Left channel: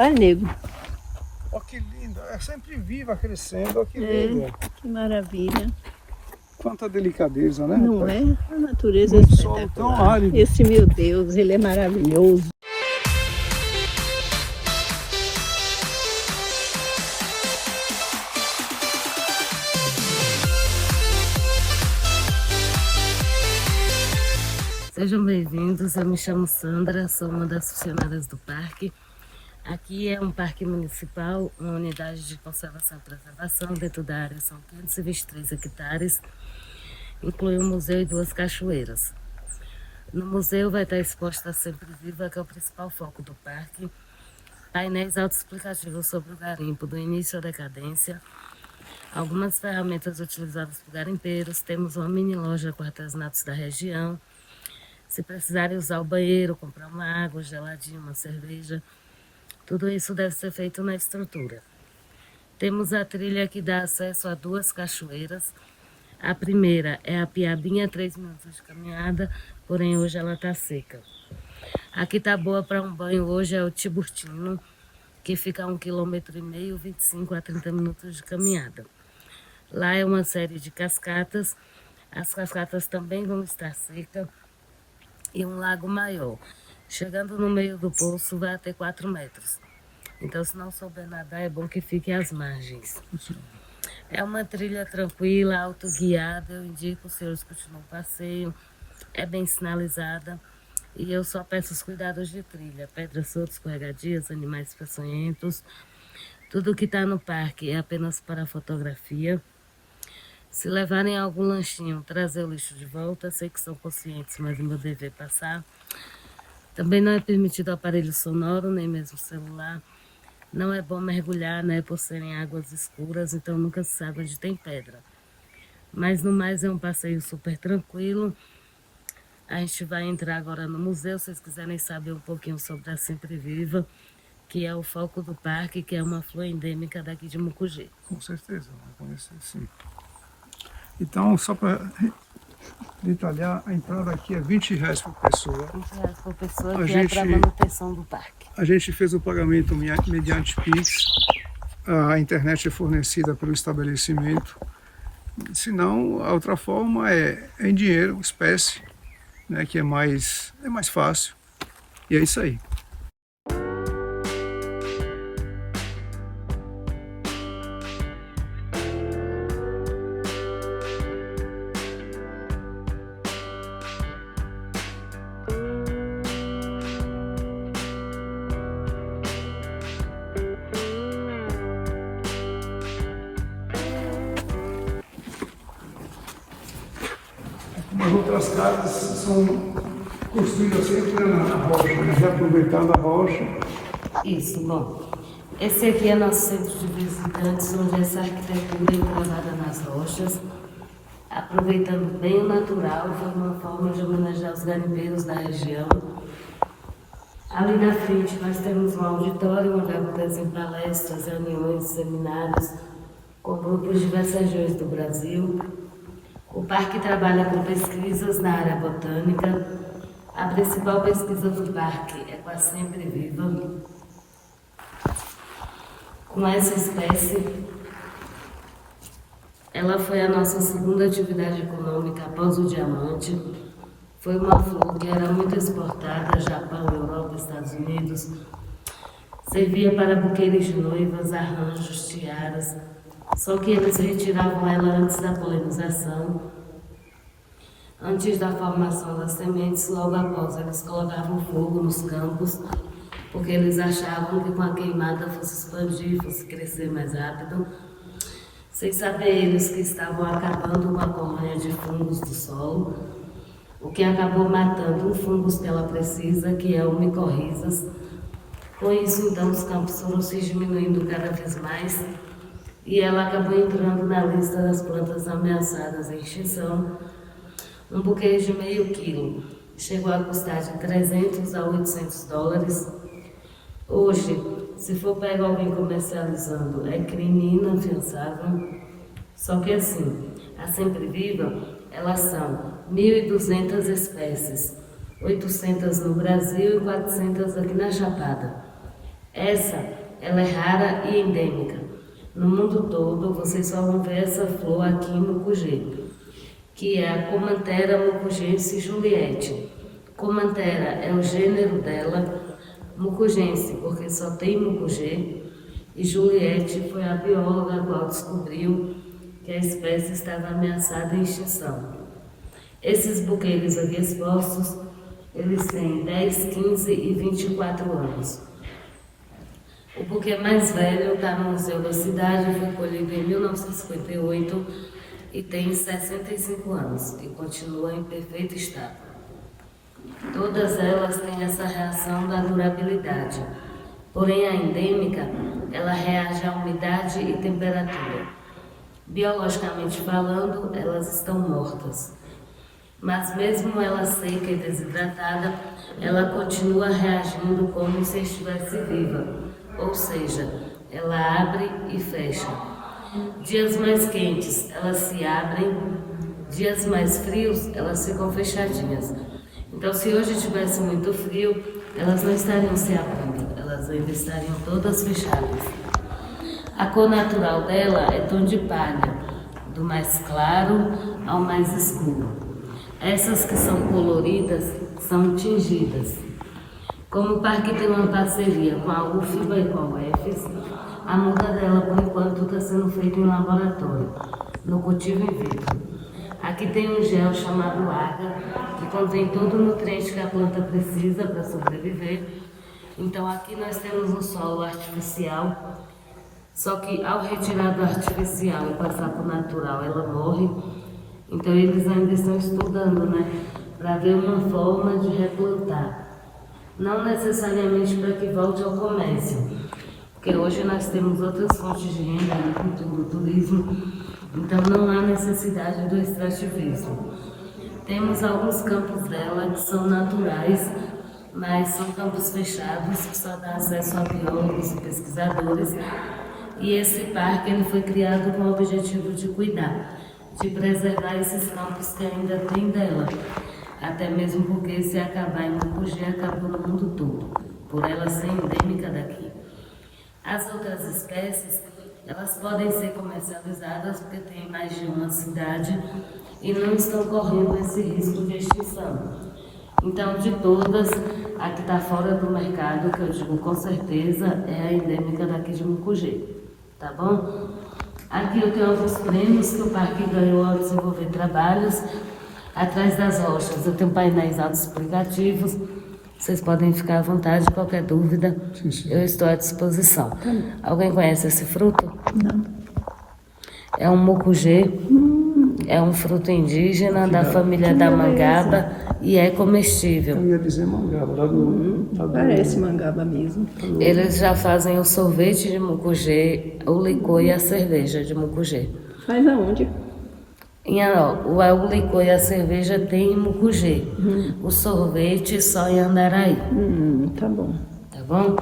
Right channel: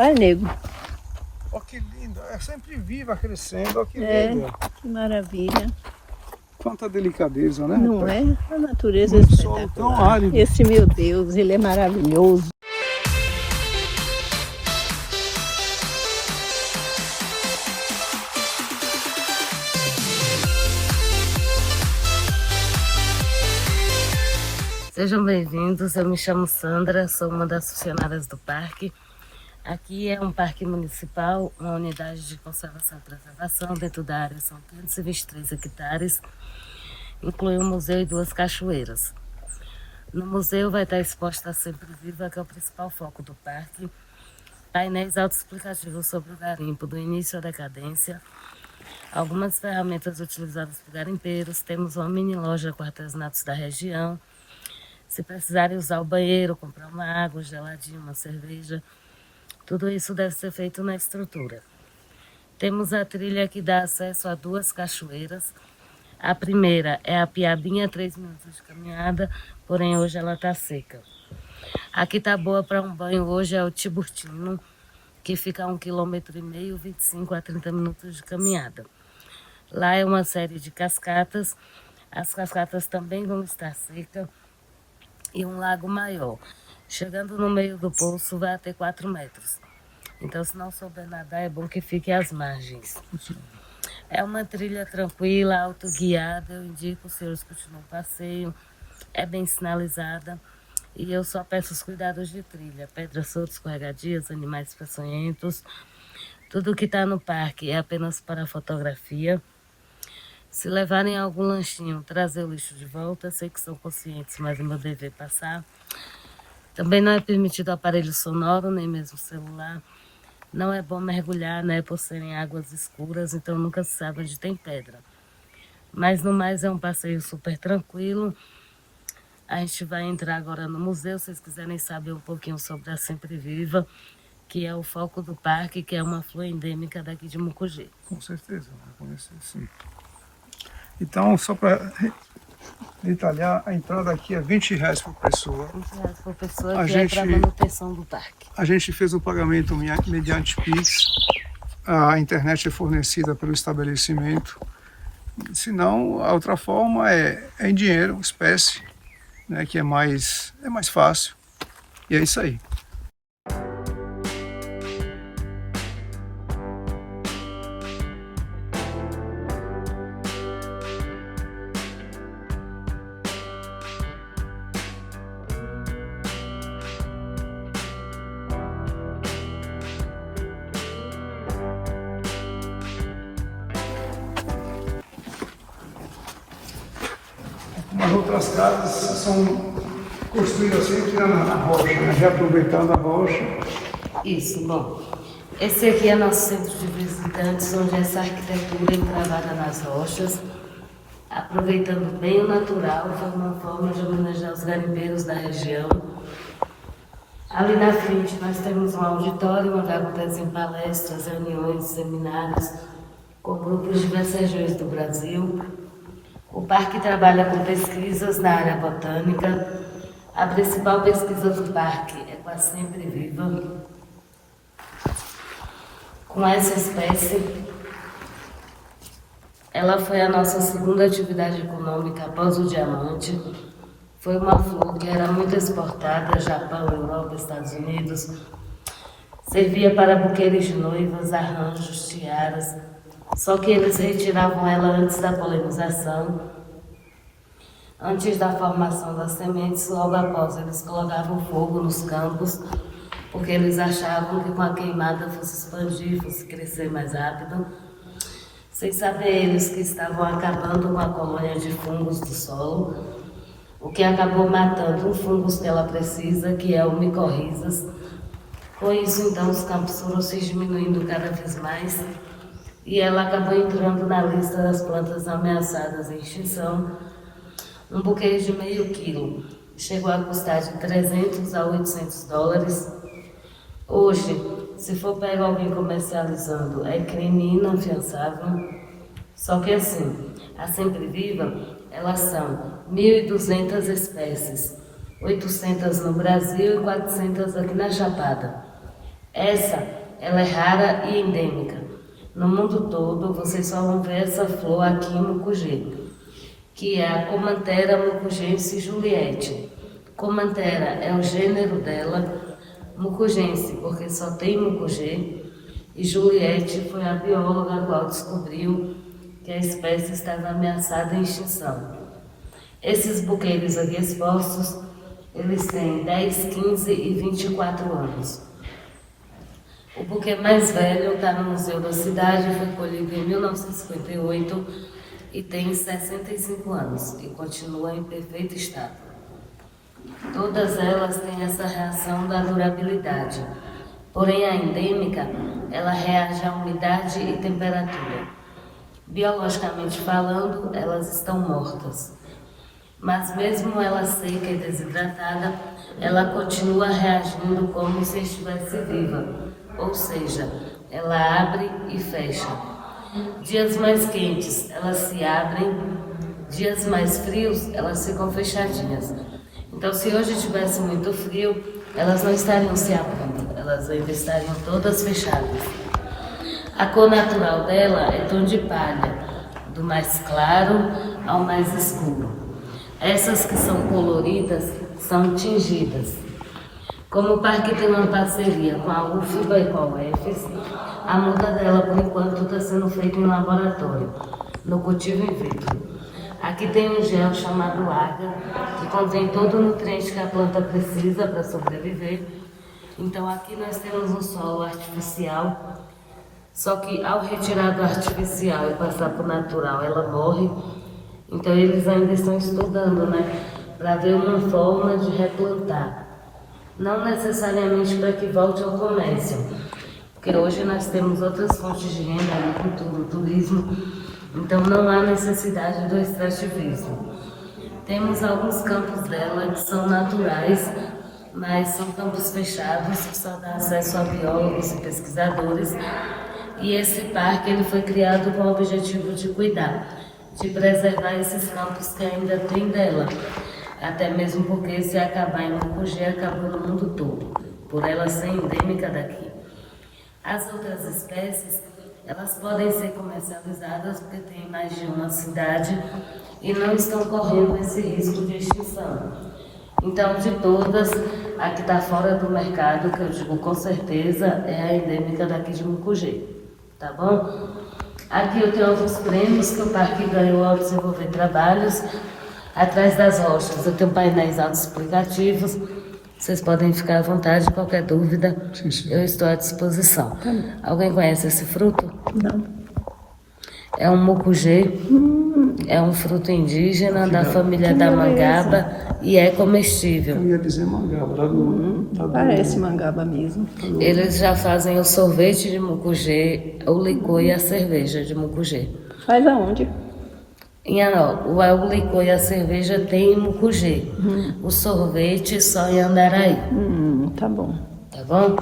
Olha, nego. Olha que linda, é sempre viva, crescendo, olha que É, linda. que maravilha. Quanta delicadeza, né? Não é? A natureza é Um solo tão espetacular. árido. Esse meu Deus, ele é maravilhoso. Sejam bem-vindos, eu me chamo Sandra, sou uma das funcionárias do parque. Aqui é um parque municipal, uma unidade de conservação e preservação. Dentro da área são 523 hectares, inclui um museu e 2 cachoeiras. No museu vai estar exposta a Sempre Viva, que é o principal foco do parque. Painéis autoexplicativos sobre o garimpo, do início à decadência. Algumas ferramentas utilizadas por garimpeiros. Temos uma mini loja com artesanatos da região. Se precisarem usar o banheiro, comprar uma água, geladinho, uma cerveja, tudo isso deve ser feito na estrutura. Temos a trilha que dá acesso a 2 cachoeiras. A primeira é a Piabinha, 3 minutos de caminhada, porém hoje ela está seca. Aqui está boa para um banho hoje é o Tiburtino, que fica a 1,5 km, 25 a 30 minutos de caminhada. Lá é uma série de cascatas, as cascatas também vão estar secas. E um lago maior. Chegando no meio do poço vai até 4 metros. Então, se não souber nadar, é bom que fique às margens. É uma trilha tranquila, autoguiada. Eu indico os senhores continuem o passeio. É bem sinalizada. E eu só peço os cuidados de trilha. Pedras soltas, escorregadias, animais peçonhentos. Tudo que está no parque é apenas para fotografia. Se levarem algum lanchinho, trazer o lixo de volta. Sei que são conscientes, mas o meu dever é passar. Também não é permitido aparelho sonoro, nem mesmo celular. Não é bom mergulhar, né, por serem águas escuras, então nunca se sabe onde tem pedra. Mas no mais é um passeio super tranquilo. A gente vai entrar agora no museu, se vocês quiserem saber um pouquinho sobre a Sempre Viva, que é o foco do parque, que é uma flor endêmica daqui de Mucugê. Com certeza, vai conhecer sim. Então, só para detalhar, a entrada aqui é R$ 20 por pessoa. Por pessoa A que gente- é para manutenção do parque. A gente fez o pagamento mediante Pix. A internet é fornecida pelo estabelecimento. Se não, a outra forma é em dinheiro, espécie, né, que é mais fácil. E é isso aí. As outras casas são construídas sempre na rocha, né? Reaproveitando a rocha. Isso, bom. Esse aqui é nosso centro de visitantes, onde essa arquitetura é encravada nas rochas, aproveitando bem o natural, foi uma forma de homenagear os garimpeiros da região. Ali na frente nós temos um auditório onde acontecem palestras, reuniões, seminários por grupos de diversas regiões do Brasil. O parque trabalha com pesquisas na área botânica. A principal pesquisa do parque é com a Sempre Viva. Com essa espécie, ela foi a nossa segunda atividade econômica após o diamante. Foi uma flor que era muito exportada, Japão, Europa, Estados Unidos. Servia para buquês de noivas, arranjos, tiaras. Só que eles retiravam ela antes da polinização, antes da formação das sementes. Logo após, eles colocavam fogo nos campos, porque eles achavam que com a queimada fosse expandir, fosse crescer mais rápido. Sem saber eles que estavam acabando com a colônia de fungos do solo, o que acabou matando um fungo que ela precisa, que é o micorrizas. Com isso, então, os campos foram se diminuindo cada vez mais e ela acabou entrando na lista das plantas ameaçadas em extinção. Um buquê de meio quilo chegou a custar de 300 a 800 dólares. Hoje, se for pegar alguém comercializando, é crime inafiançável. Só que assim, a Sempre Viva, elas são 1.200 espécies, 800 no Brasil e 400 aqui na Chapada. Ela é rara e endêmica. No mundo todo, vocês só vão ver essa flor aqui em Mucugê, que é a Comanthera mucugense juliette. Comanthera é o gênero dela, mucugense, porque só tem Mucugê, e Juliette foi a bióloga a qual descobriu que a espécie estava ameaçada em extinção. Esses buqueiros aqui expostos, eles têm 10, 15 e 24 anos. O buquê mais velho está no Museu da Cidade, foi colhido em 1958 e tem 65 anos e continua em perfeito estado. Todas elas têm essa reação da durabilidade, porém a endêmica, ela reage à umidade e temperatura. Biologicamente falando, elas estão mortas. Mas mesmo ela seca e desidratada, ela continua reagindo como se estivesse viva, ou seja, ela abre e fecha. Dias mais quentes, elas se abrem, dias mais frios, elas ficam fechadinhas. Então, se hoje tivesse muito frio, elas não estariam se abrindo, elas ainda estariam todas fechadas. A cor natural dela é tom de palha, do mais claro ao mais escuro. Essas que são coloridas são tingidas. Como o parque tem uma parceria com a UFBA e com a UFES, a muda dela, por enquanto, está sendo feita em laboratório, no cultivo in vitro. Aqui tem um gel chamado Agar, que contém todo o nutriente que a planta precisa para sobreviver. Então aqui nós temos um solo artificial, só que ao retirar do artificial e passar para o natural, ela morre. Então eles ainda estão estudando, né, para ver uma forma de replantar. Não necessariamente para que volte ao comércio, porque hoje nós temos outras fontes de renda, agricultura, turismo, então não há necessidade do extrativismo. Temos alguns campos dela que são naturais, mas são campos fechados que só dão acesso a biólogos e pesquisadores. E esse parque ele foi criado com o objetivo de cuidar, de preservar esses campos que ainda tem dela. Até mesmo porque se acabar em Mucugê, acabou no mundo todo, por ela ser endêmica daqui. As outras espécies, elas podem ser comercializadas porque tem mais de uma cidade e não estão correndo esse risco de extinção. Então, de todas, a que está fora do mercado, que eu digo com certeza, é a endêmica daqui de Mucugê, tá bom? Aqui eu tenho alguns prêmios que o parque ganhou ao desenvolver trabalhos. Atrás das rochas eu tenho painéis autoexplicativos. Vocês podem ficar à vontade, qualquer dúvida, eu estou à disposição. Alguém conhece esse fruto? Não. É um mucugê, é um fruto indígena da família da mangaba e é comestível. Eu ia dizer mangaba, Parece mangaba mesmo. Eles já fazem o sorvete de mucugê, o licor e a cerveja de mucugê. Faz aonde? O licor e a cerveja tem em Mucugê. O sorvete só em Andaraí. Tá bom. Tá bom?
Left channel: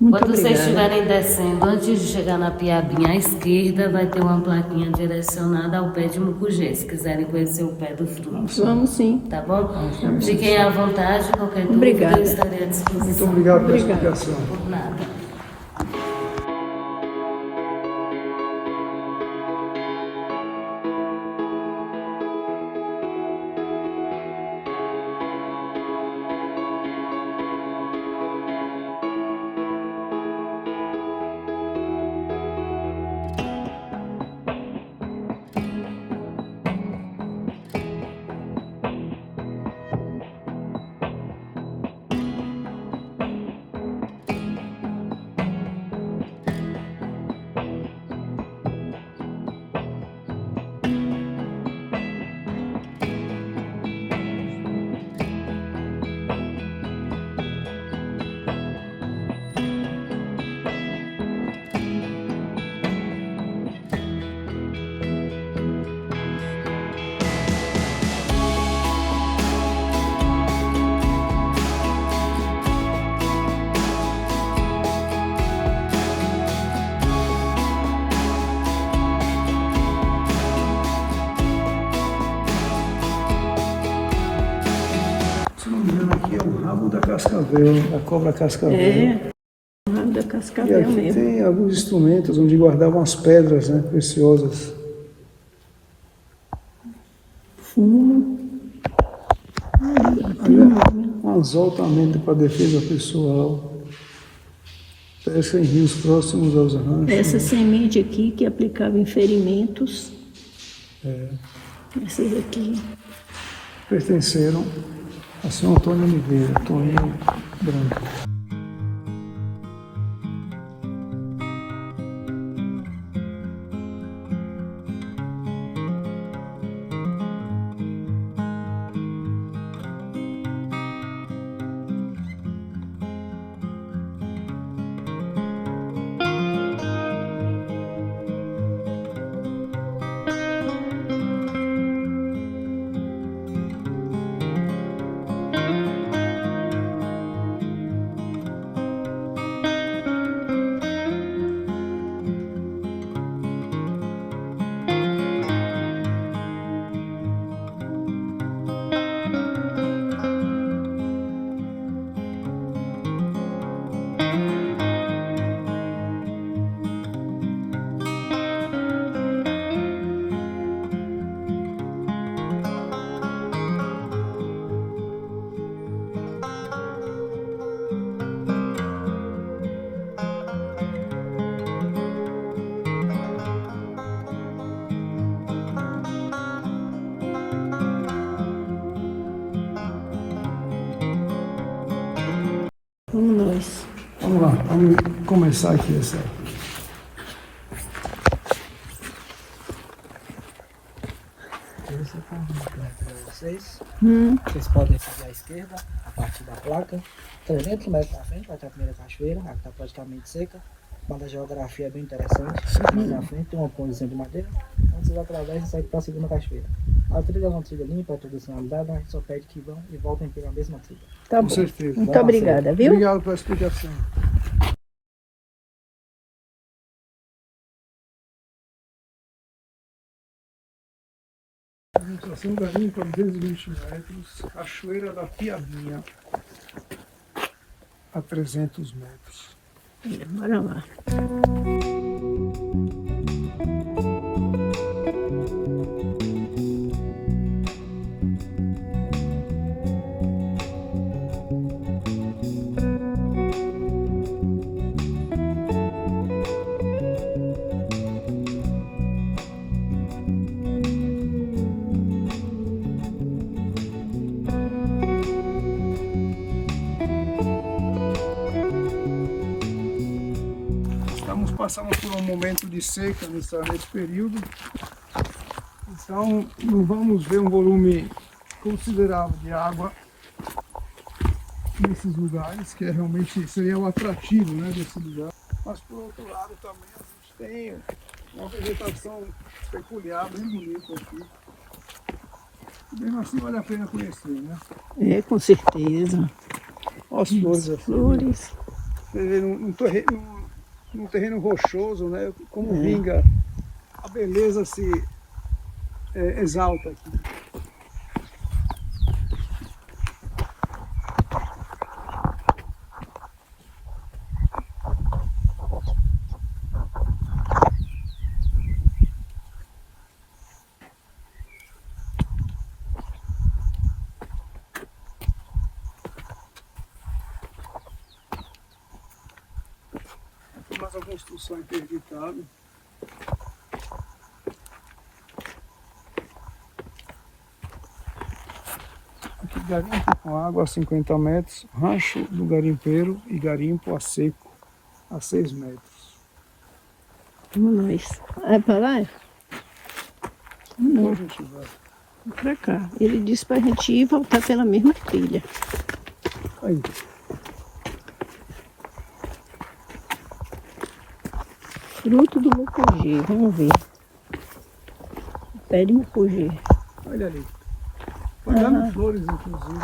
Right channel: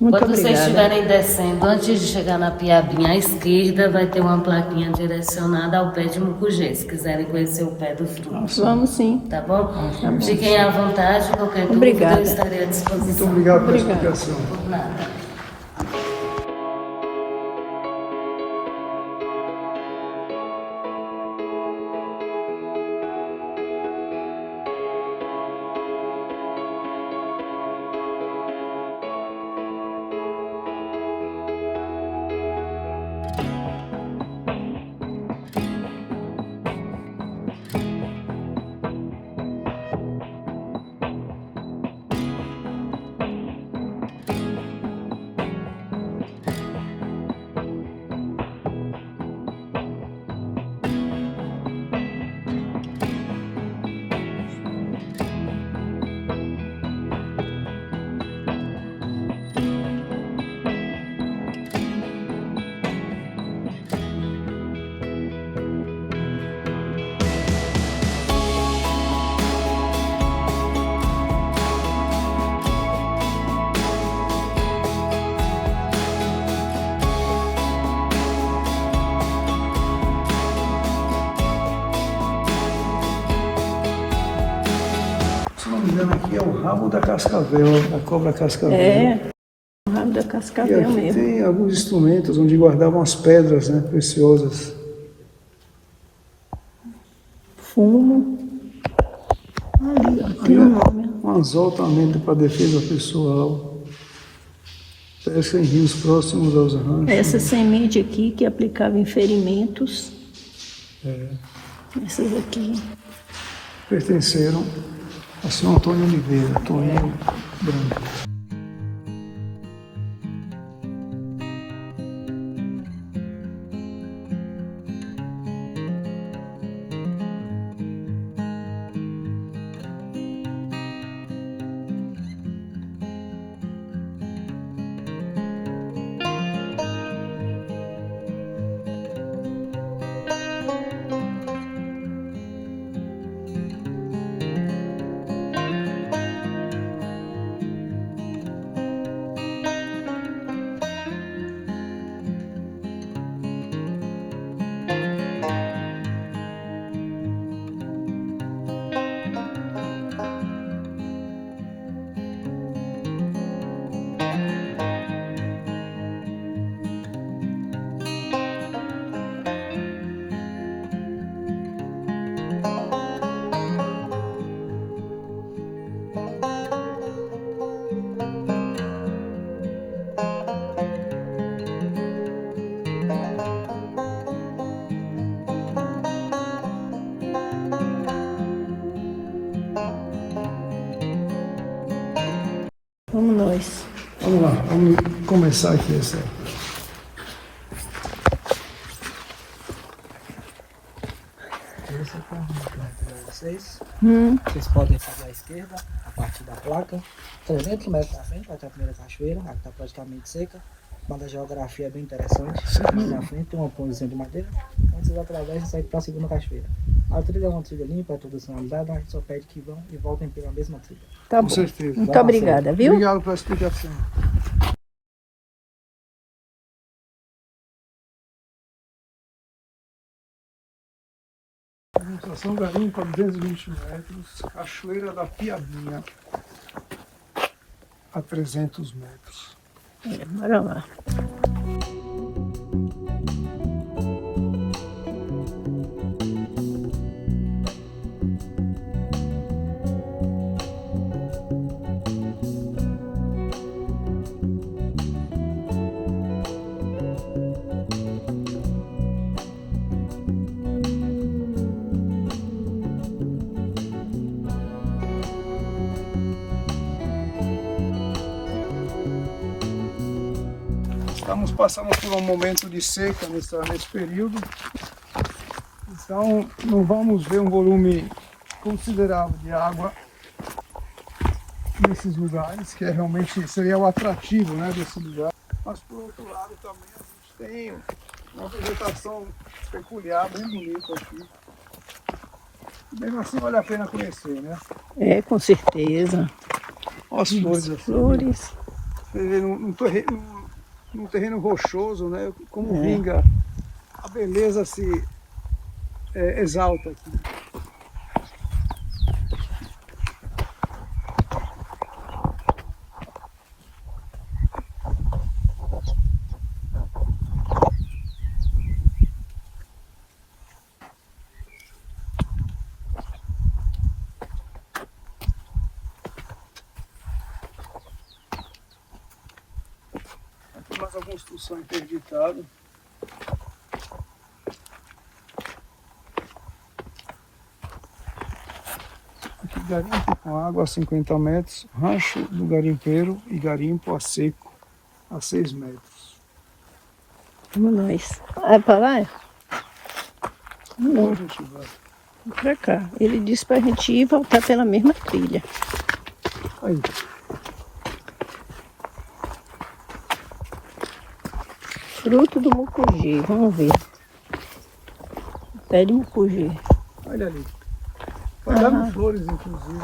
Muito Quando obrigada. vocês estiverem descendo, antes de chegar na Piabinha, à esquerda vai ter uma plaquinha direcionada ao pé de Mucugê, se quiserem conhecer o pé do fruto. Vamos sim. Tá bom? Tá bom. Fiquem à vontade, qualquer dúvida Obrigada. eu estarei à disposição. Obrigado pela Obrigada. explicação. Por nada. Se não me engano, aqui é o rabo da cascavel, da cobra cascavel. É. da E cascavel aqui mesmo. tem alguns instrumentos onde guardavam as pedras, né, preciosas. Fumo. Ali, ó, tem um nome. Um exaltamento para a defesa pessoal. Crescem rios próximos aos ranchos. Essa semente aqui que aplicava em ferimentos. Essas aqui. Pertenceram a São Antônio Oliveira, Antônio Branco. Vamos nós. Vamos lá, vamos começar aqui essa aí. Esse é o caminho para vocês. Hum. Vocês podem seguir à esquerda, a partir da placa. 300 metros na frente vai ter a primeira cachoeira, a que está praticamente seca. Mas a geografia é bem interessante. Mais na frente tem uma pontezinha de madeira. Quando vocês atravessam, sai para a segunda cachoeira. A trilha é uma trilha limpa, é tradicionalizada, a gente só pede que vão e voltem pela mesma trilha. Tá Com bom. certeza. Muito obrigada, viu? Obrigado pela explicação. Estação Garimpo a 220 metros, Cachoeira da Piadinha a 300 metros. Bora lá. Passamos por um momento de seca nesse período, então não vamos ver um volume considerável de água nesses lugares, que realmente seria o atrativo, né, desse lugar. Mas por outro lado também a gente tem uma vegetação peculiar, bem bonita aqui. Mesmo assim vale a pena conhecer, né? É, com certeza. As flores assim. Flores. Num terreno rochoso, né? Como vinga, a beleza se exalta. Mais a construção interditada. Aqui garimpo com água a 50 metros, rancho do garimpeiro e garimpo a seco a 6 metros. Vamos nós. Vai pra lá? Não, A gente vai. pra cá. Ele disse pra gente ir voltar pela mesma trilha. Aí. Fruto do mucugê, vamos ver. Pé de mucugê. Olha ali. Vai dar flores, inclusive.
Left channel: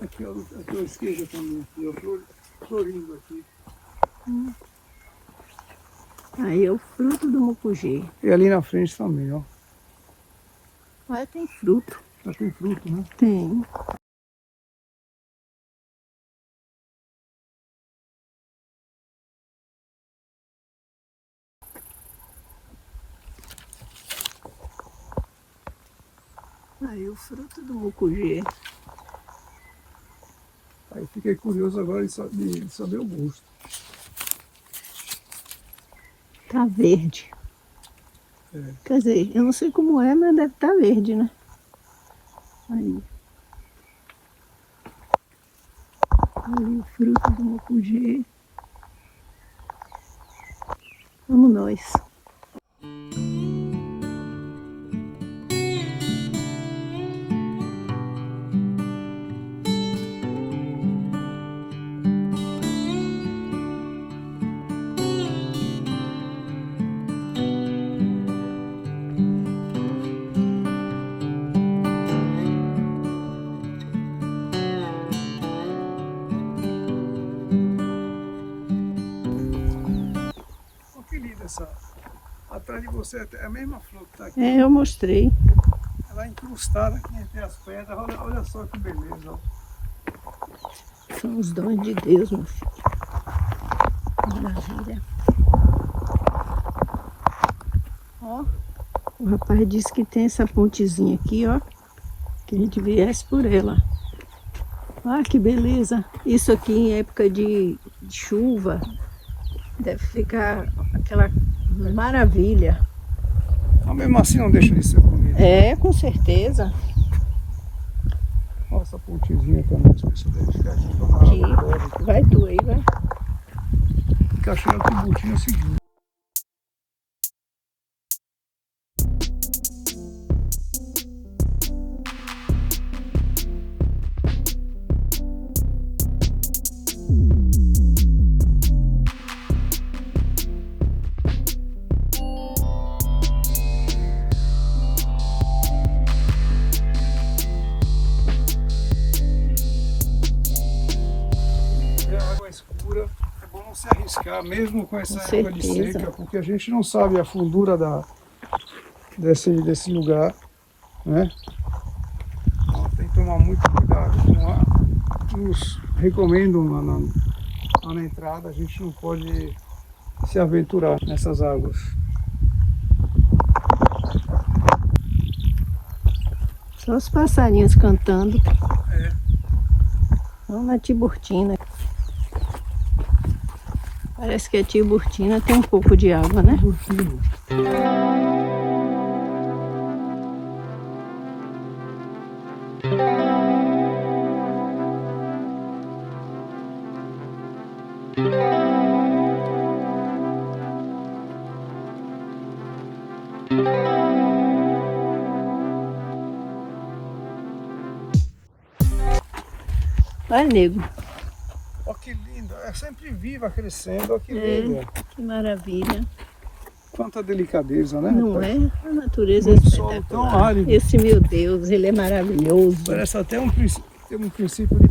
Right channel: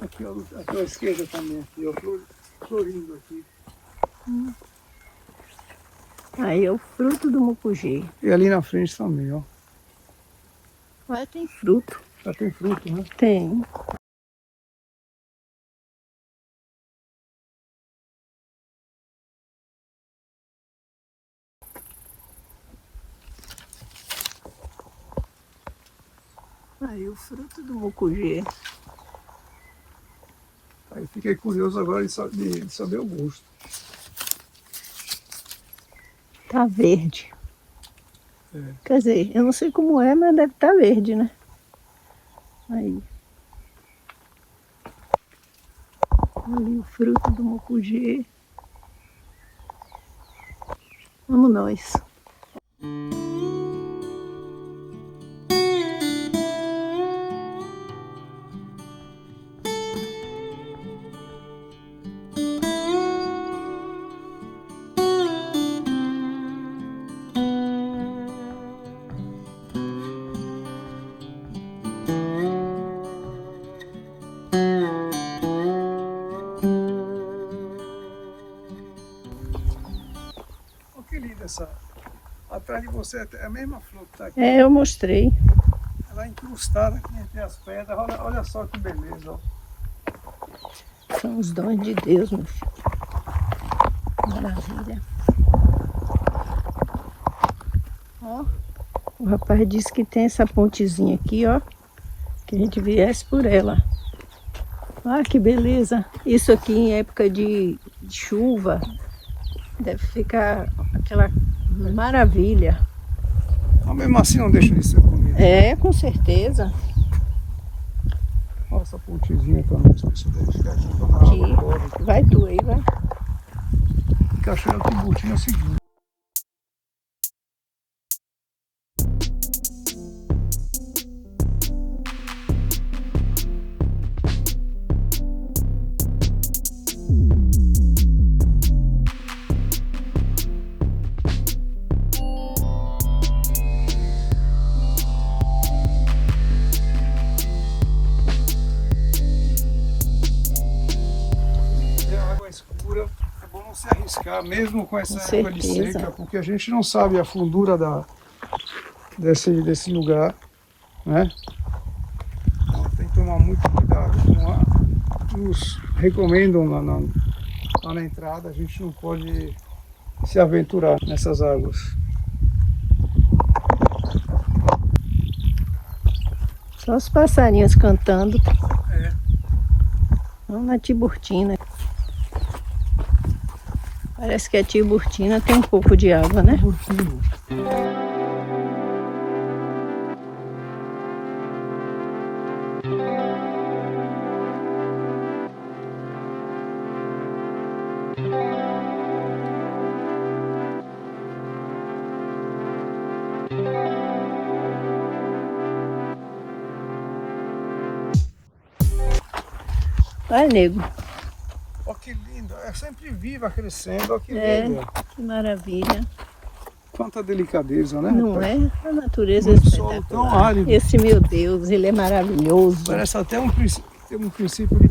Aqui, ó, aqui à esquerda também. Aqui, ó, florindo aqui. Aí é o fruto do mucugê. E ali na frente também, ó. Mas tem fruto. Já tem fruto, né? Tem. Aí o fruto do mucugê. Aí fiquei curioso agora de saber o gosto. Tá verde. É. Quer dizer, eu não sei como é, mas deve estar verde, né? Aí. Ali o fruto do mucugê. Vamos nós. Olha que linda essa. Atrás de você é a mesma flor que está aqui. É, eu mostrei. Ela é incrustada aqui entre as pedras. Olha só que beleza. Ó. São os dons de Deus, meu filho. Maravilha. Ó, o rapaz disse que tem essa pontezinha aqui, ó. Que a gente viesse por ela. Olha que beleza. Isso aqui em época de chuva deve ficar aquela maravilha. Mas mesmo assim não deixa de ser bonito. É, com certeza. Olha essa pontezinha também. Se deve ficar aqui pra água agora. Aqui. Vai tu aí, vai. Cachoeira Tiburtina é o seguinte. Água escura, é bom não se arriscar, mesmo com essa Com época de certeza. seca, porque a gente não sabe a fundura desse lugar, né? Então, tem que tomar muito cuidado. Nos recomendam lá na entrada, a gente não pode se aventurar nessas águas. Só os passarinhos cantando. É. Vamos na Tiburtina. Parece que a Tiburtina tem um pouco de água, né? Vai, nego. Olha que linda, é sempre viva, crescendo, olha que É, linda. que maravilha. Quanta delicadeza, né? Não é? A natureza é Um solo tão espetacular. árido. Esse meu Deus, ele é maravilhoso. Parece até um princípio de